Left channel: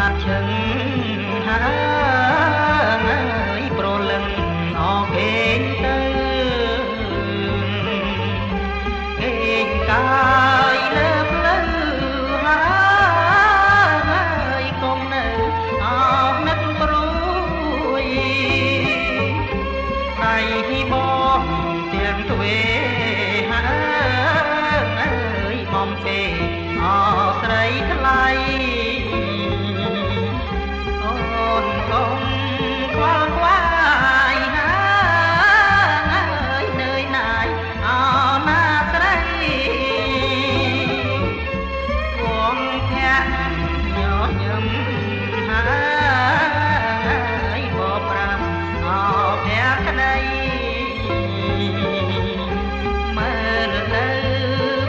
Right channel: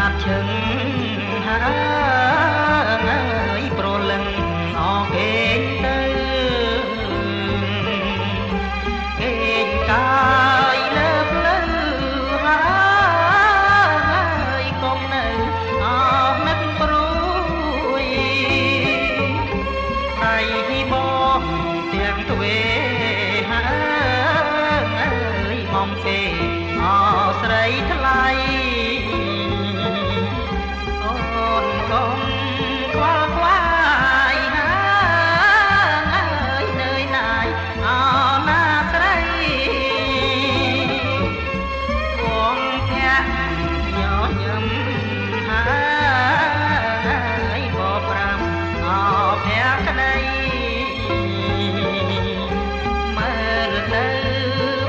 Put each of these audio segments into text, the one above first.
សាទឈឹងហើយប្រលឹងអងគេងទៅគេងកាយលើផ្លូវហើយកុំនៅអស់នឹកព្រួយដៃបងទាំងទ្វេហើយបំសេអស្រីថ្លៃអូនកុំខ្វល់ខ្វាយហើយនឿយណាយអណាស្រីវងភ័ក្រញញឹមហើយបប្រាំអភ័ក្រក្តីមើលទៅ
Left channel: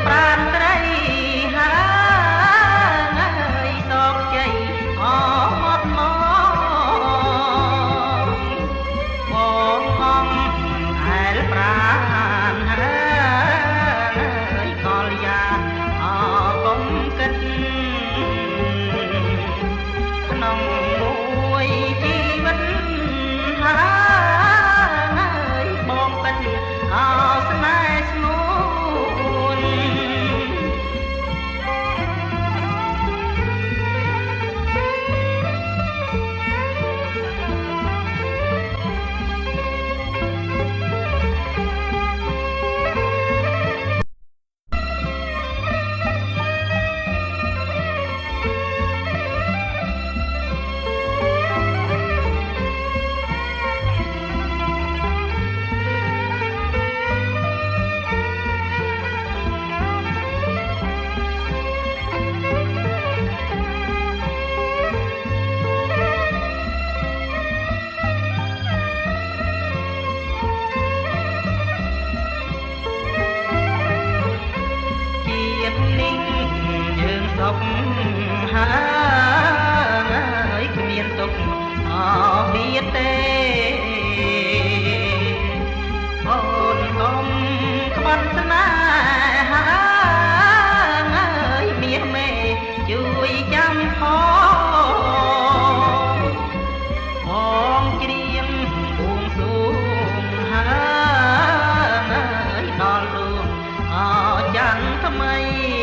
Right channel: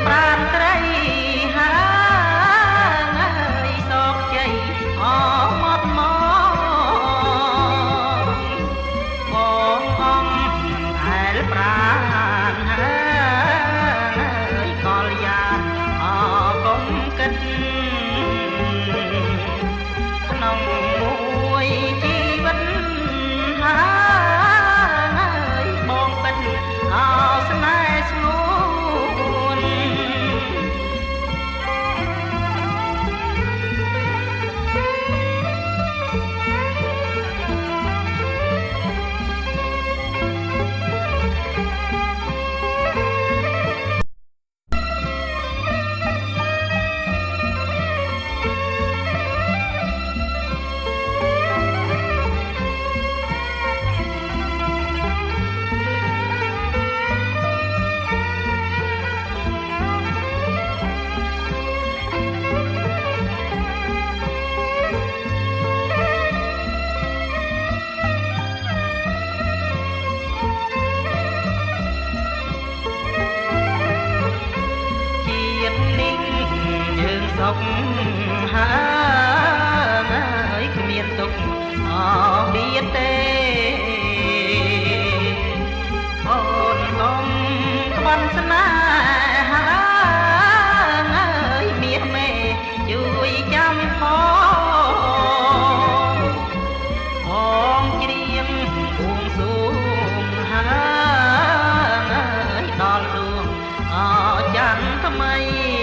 ប្រានស្រីហើយសោកជ័យអត់មកបងអង្គហែលប្រានហើយកលយ៉ាងអកុំគិតក្នុងមួយជីវិតហើយបងពេញអស្នេហ៍ស្ងួនសុខហើយគ្មានទុកអបៀតទេអូនលំក្បន់ស្នេហាហើយមានមេជួយចាំផងច្រៀងបួងសួងហើយដល់ដួងអច័ន្ទថ្មី